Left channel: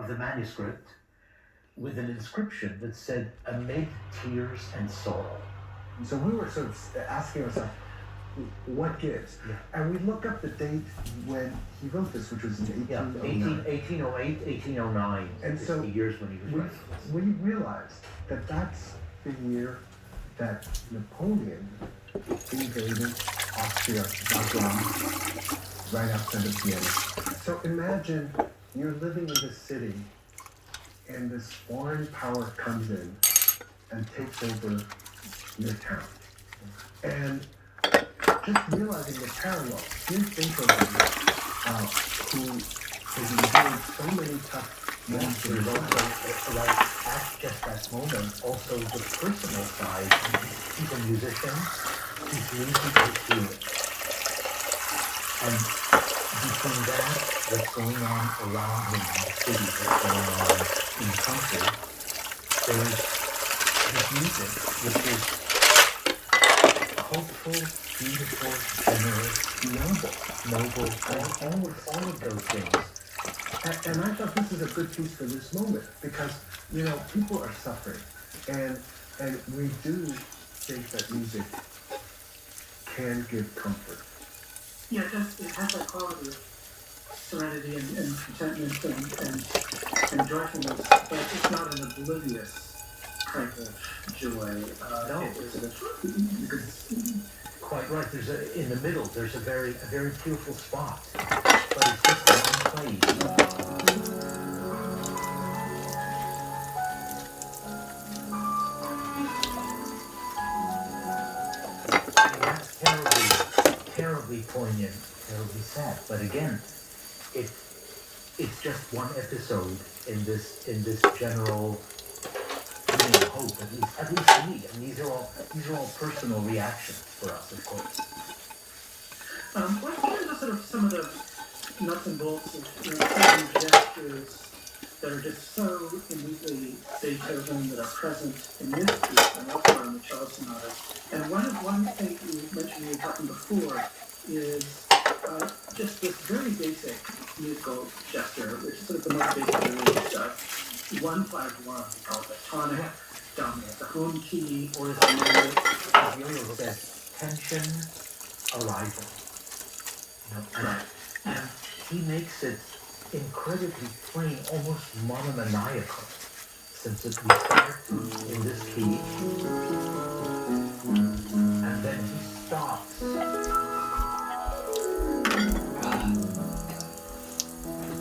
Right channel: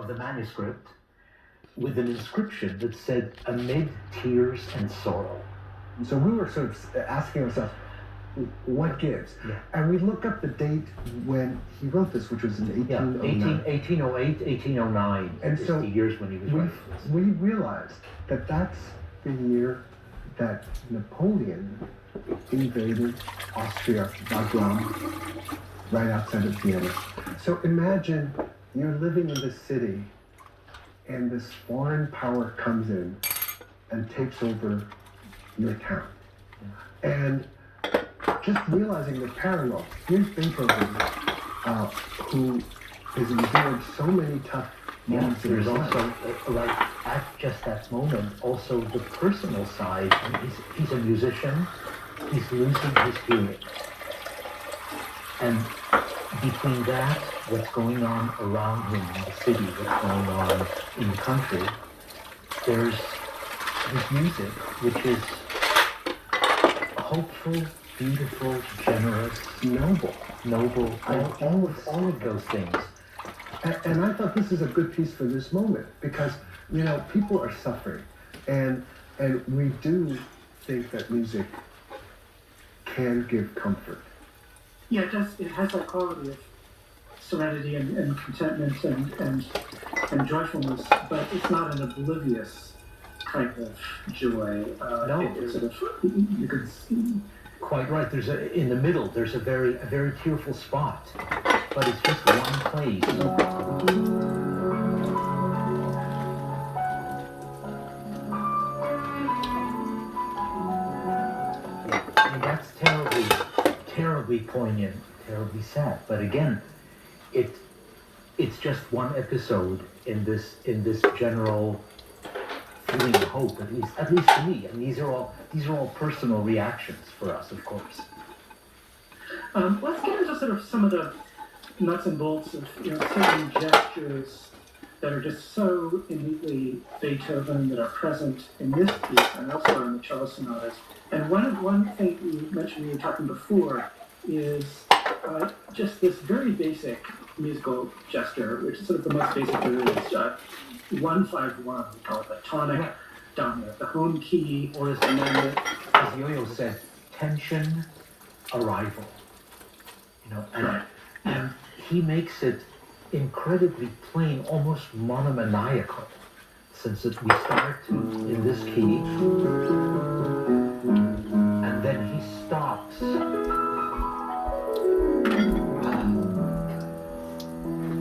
of the manuscript with an inscription that said, "Amid tears and sorrow." So we were sort of asking ourselves, what gives? Yeah. And we look up the date when he wrote this, which was in 1809. 1808, 1809 And is so the years when he was writing this. we realized that that's the year that Napoleon invaded Austria, Wagram, right outside of Vienna. So imagine you're living in this city and this foreign power comes in and takes over your town. And just realizing the parallel, here's Beethoven, who is enduring so many tough moments in There's his also, life. right at just that moment, also the personal side. He's a musician. He's losing his hearing. And between that, what's going on around him in the city, what's going on in the country, there's his music, which is hopeful, beautiful, generous, noble, all of those things. And I thought this is a good piece for this moment because, people are suffering. And we do think that music can give comfort. Yeah, it has that quality of serenity and contentment and joyfulness, but it's not an oblivious kind of joy. No. It's sort of, you could... Quite right. In the middle. There's a very tearful spot, but it's just one place. And that's terribly poignant, terribly sad. But again, it's just one episode in this general feeling of hope, at least to me. And these are all personal reactions for us, of course. Let's get into sort of some of the nuts and bolts of certain gestures that are just so innately Beethoven that are present in this piece and also in the cello sonata. And one thing you mentioned when you were talking before is just this very basic musical gesture, which is sort of the most basic of is 1-5-1. We call it the tonic dominant, the home key, Or as Yo-Yo said, tension, arrival. And he makes it incredibly plain, almost monomaniacal, since we start in this key, and then he stops.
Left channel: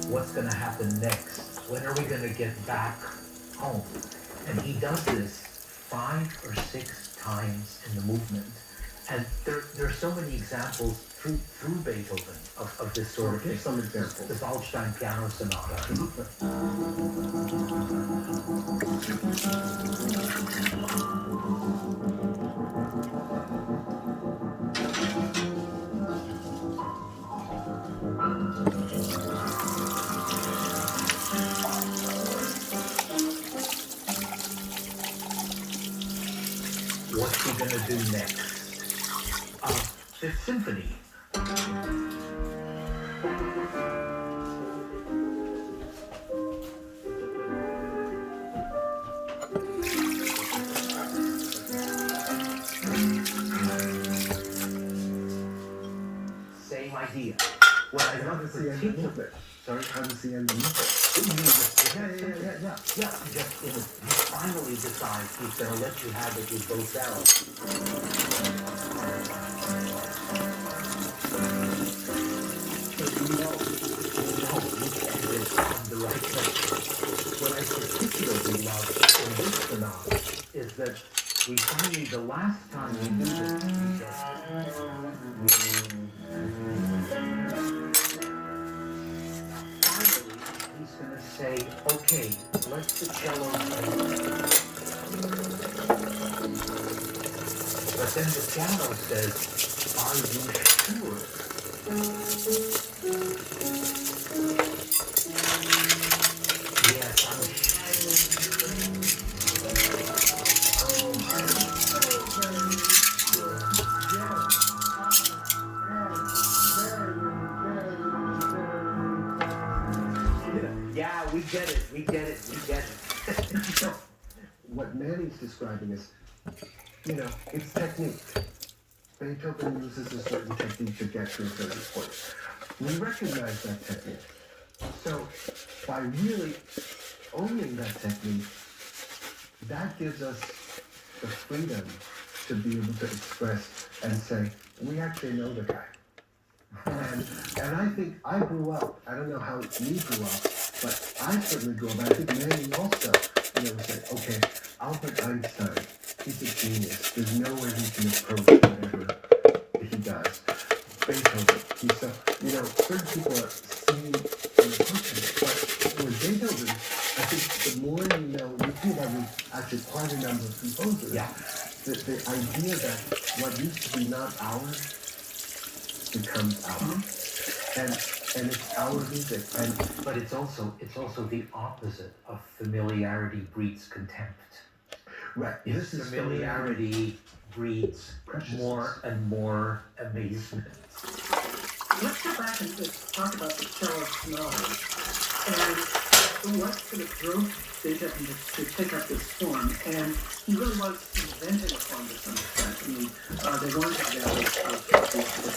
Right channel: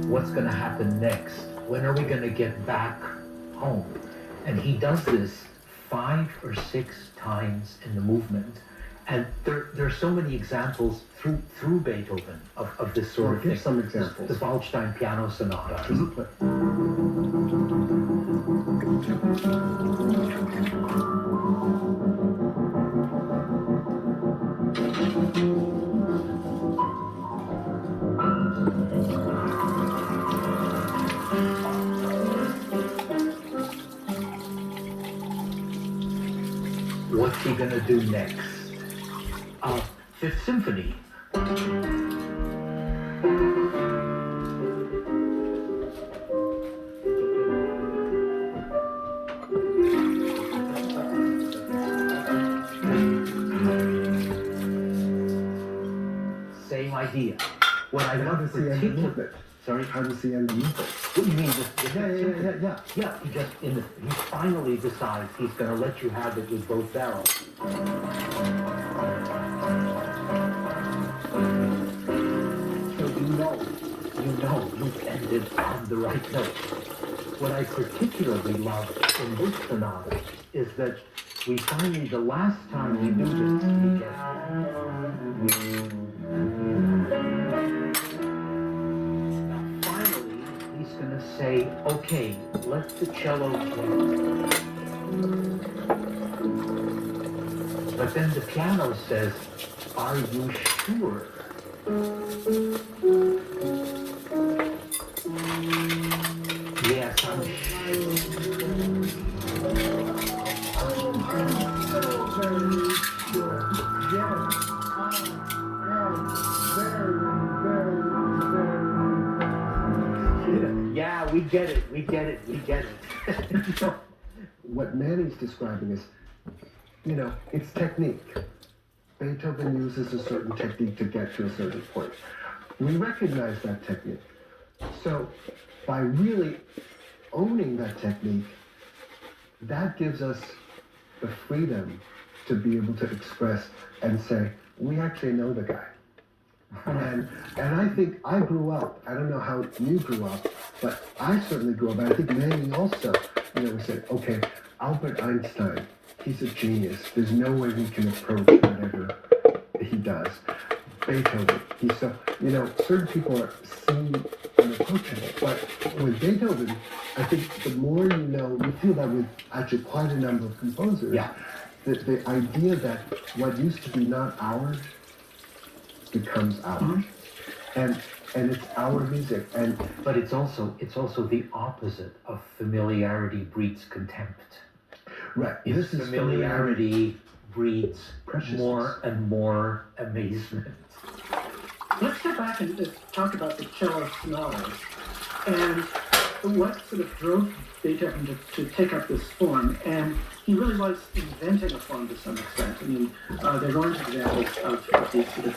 What's going to happen next? When are we going to get back home? And he does this 5 or 6 times in the movement. And there's so many examples through Beethoven of this sort of thing. Give some examples. The Waldstein Piano Sonata. What's he gonna do next? Fifth Symphony. Same idea. What I How love does he end the particularly... movement? Sorry? How does he end the movement? What do you mean? Yeah. He finally decides he's going to let you have it with both barrels. So you ended on the right note. What I particularly love in this sonata is that we finally, the last time we do this, he's going to say, okay, let the cello play. But then the piano says, are you sure? Yes, I'm Yeah, we get it. it, we get it, we get it. What Manny's describing is, it's technique. Beethoven uses a certain technique to get to a certain point. We recognize that technique. So by really owning that technique, that gives us the freedom to be able to express and say, we actually know the guy. And I think I grew up, I don't know how you grew up, but I certainly grew up, and I think Manny also, we said, okay, Albert Einstein, he's a genius. There's no way we can approach whatever he does. Beethoven, he's so, certain people are seen and approaching it, but with Beethoven, I think the more you feel that with actually quite a number of composers, Yeah. the idea that what used to be not ours becomes ours. And it's our music. But it's also the opposite of familiarity breeds contempt. Right. This is familiarity breeds more and more amazement. Let's go back and just talk about the cello sonatas and what sort of drove Beethoven to take up this form. And he really was inventing a form to some extent. I mean, there are examples of these sort of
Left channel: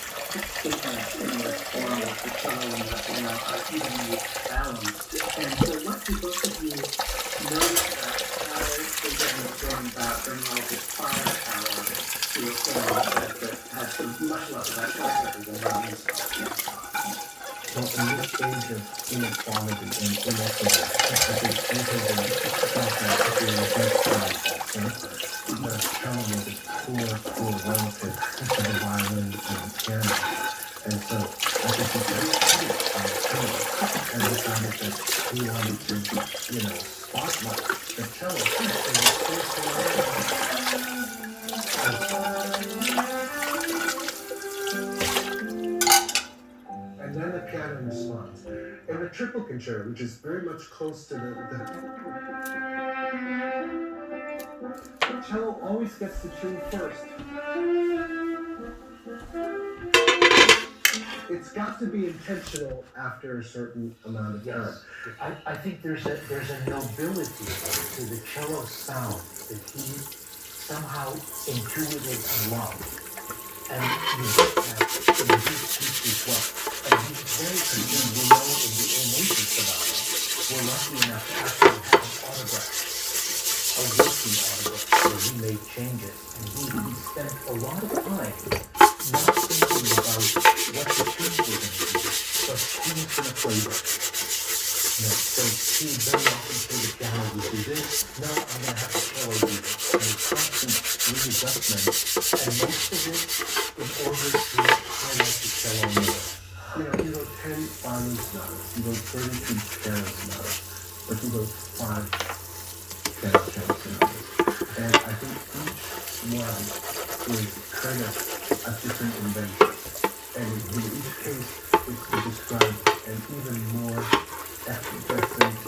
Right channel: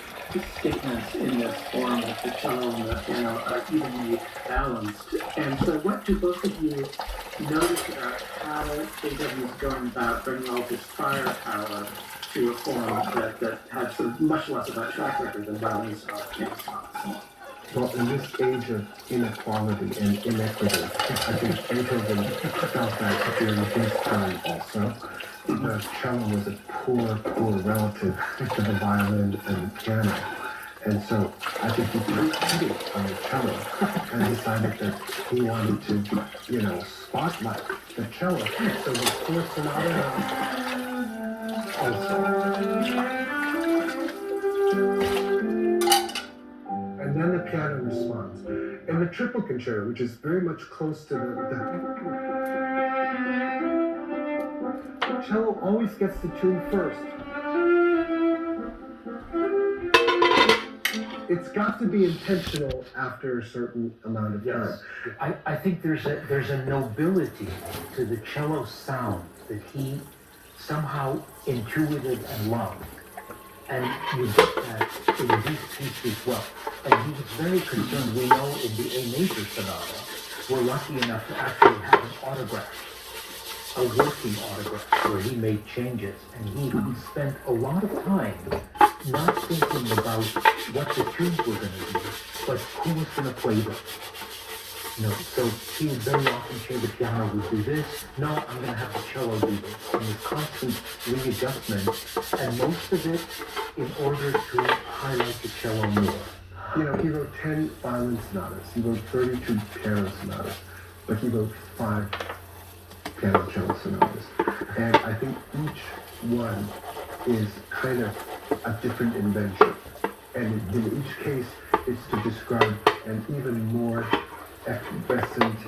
statements in the form of the cello and the piano are evenly balanced. And so what do both of you notice about how Beethoven is going about bringing all this firepower to a form that has sort of much less of that track record than violins are? Well, in this age of inequality and inequity, I think Beethoven felt that at the big time also. The cello was a poor relative to the violin and the piano. And so I think he succeeded on the cello and decided that he wanted to, spotlight the cello. So the fourth and then the piano responds. And the triple concerto, which is very much close to the cello always gets the tune first. It's got to be intentional after a certain amount of time. Yes. I think there's a nobility to the cello sound that he somehow intuited and loved. And you get that in these pieces as well. And he was very concerned. We know in the A major sonata, we're lucky enough to actually have an autograph, a working autograph, where he made changes. And he spent a lot of time not thinking about what the tunes were going to be, but who was going to play them. So he would very often say the piano would do this. No, I'm going to have the cello do this. And it's constant readjustment, and most of it in order to highlight the cello more. He wrote 10 violin sonatas. He wrote 32 piano sonatas, but he wrote 5 piano cello sonatas. And I think each one is kind of a different invention. And in each case, it's to describe an even more effervescent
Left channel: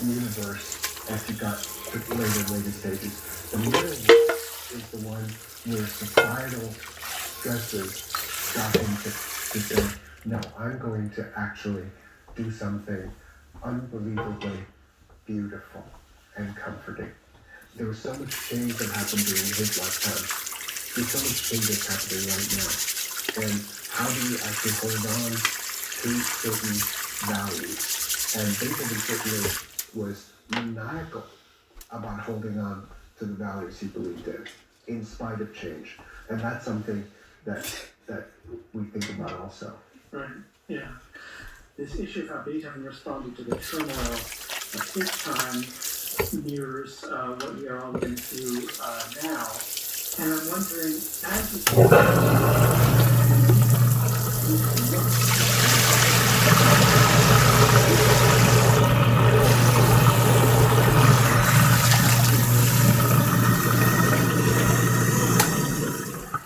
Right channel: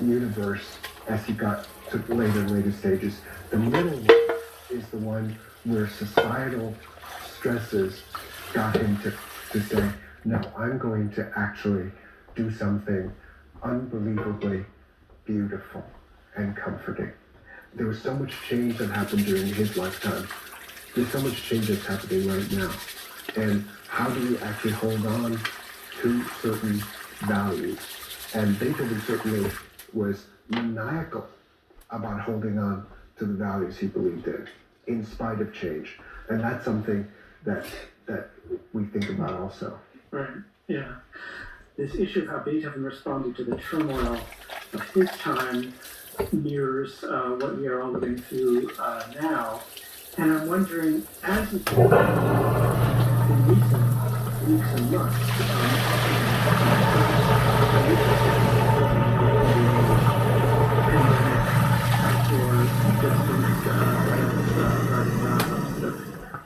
universe as you got to later stages. The middle is the one where societal stresses got him to say, no, I'm going to actually do something unbelievably beautiful and comforting. There was so much change that happened during his lifetime. There's so much change that's happening right now. And how do we actually hold on to certain values? And Beethoven certainly was maniacal about holding on to the values he believed in spite of change. And that's something that we think about also. Right, yeah. This issue of how Beethoven responded to the turmoil of his time mirrors what we are all living through now. And I'm wondering, as this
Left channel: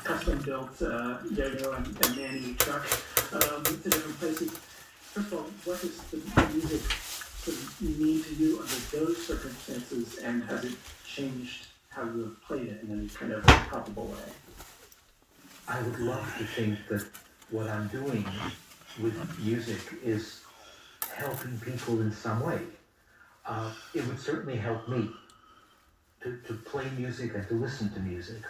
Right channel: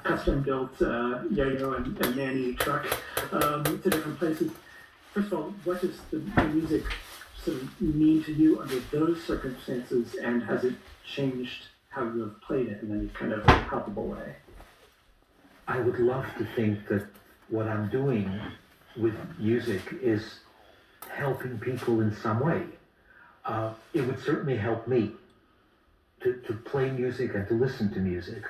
custom-built Yo-Yo and Manny truck to different places. First of all, what does the music sort of mean to you under those circumstances, and has it changed how you have played it in any kind of palpable way? I would love to think that what I'm doing with music is helping people in some way. it would certainly help me to play music and to listen to music.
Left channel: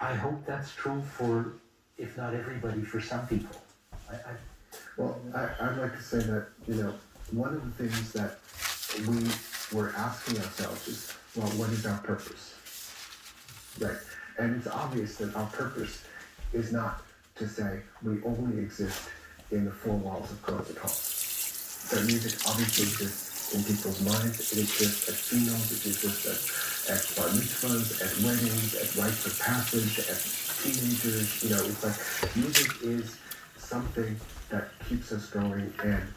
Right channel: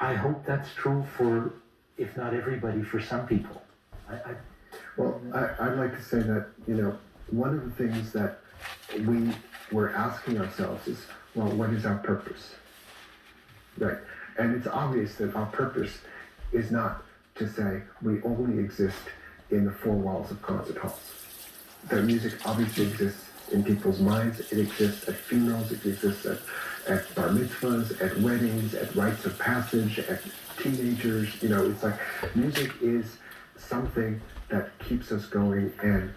I hope that's true for, if not everybody, for some people. Well, I'd like to say that, one of the things that we were asking ourselves is, well, what is our purpose? Right. And it's obvious that our purpose is not to say we only exist in the four walls of concert halls. The music obviously exists in people's minds. It exists at funerals. It exists at bar mitzvahs, at weddings, at rites of passage, at teenagers. It's like music is something that keeps us going and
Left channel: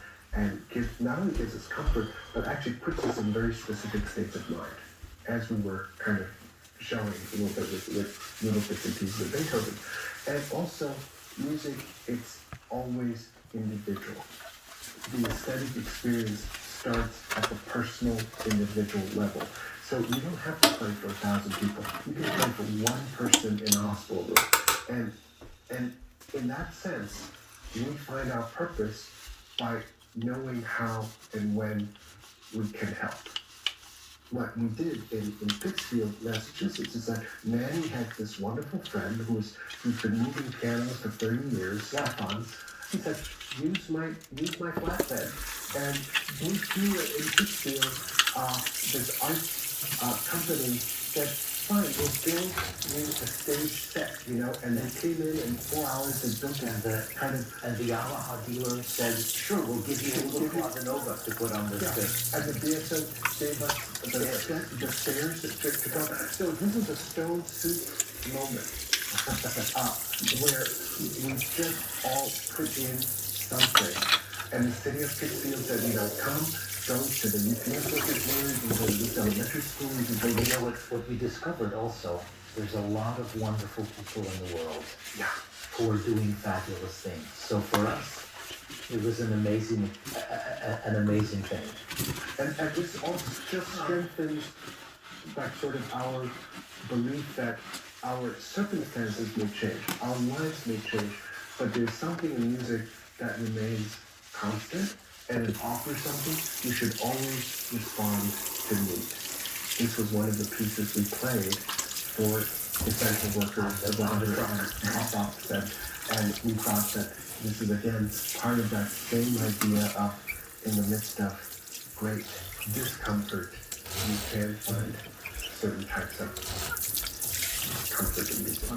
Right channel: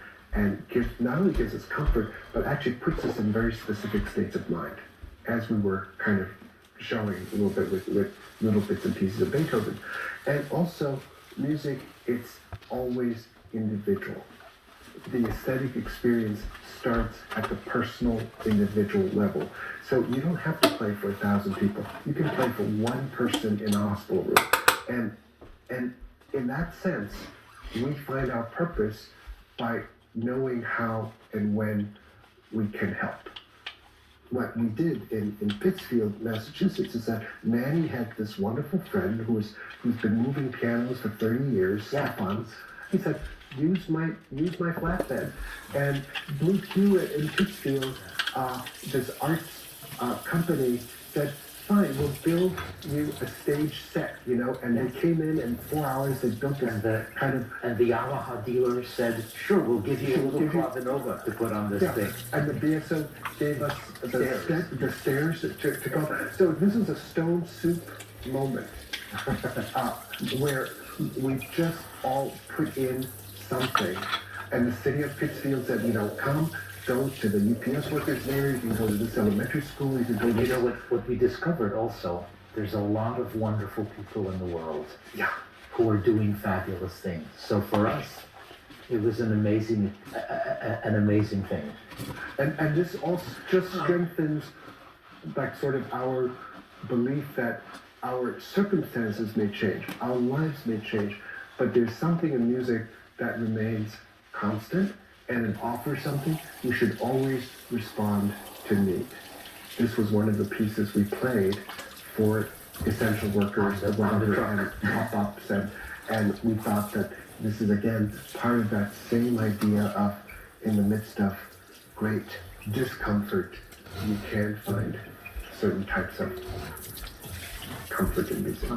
not only gives us comfort, but actually puts us in very specific states of mind, as we were kind of showing a little bit with little bits and pieces of Beethoven. And also, music, it's always individual. The aesthetic experience starts at the personal, individual level. So you don't have to play for 1,000 people. You can play for one person in a hospital room. And in that sense, we find our purpose by knowing how and when we can help. What we did in Pittsfield, Massachusetts, is that Manny had this wonderful friend who's been moving pianos for 30 years. Stefan. He said, use my flatbed. And Blue Q in Pittsfield, this art company said, fine, we'll build you a stage set, and they came in 4 hours, they built it. And the Yamaha dealer said, sure, we'll give you a little Clava Nova to put on this thing. And the BSO gave us the stairs to go. So this is a stone soup moment where we just all put in something. And the city of Pittsfield said, come, go to the UPS workers' there, you can go to this elementary school, you can go to... What we discovered also, there's a lot of wonderful people in the world who are doing fabulous things. So for us, it was an amazing thing. And this also just strengthens sort of our belief that our circumstances may change, our lives may change, but there's something in music that remains constant, and it offers something. You should always respond to need. This was one of the pieces we played for essential workers, the Wonder and pop-ups, and we thought that this is again part of that same idea of, in the midst of great discomfort, you can find certain types of comfort in music.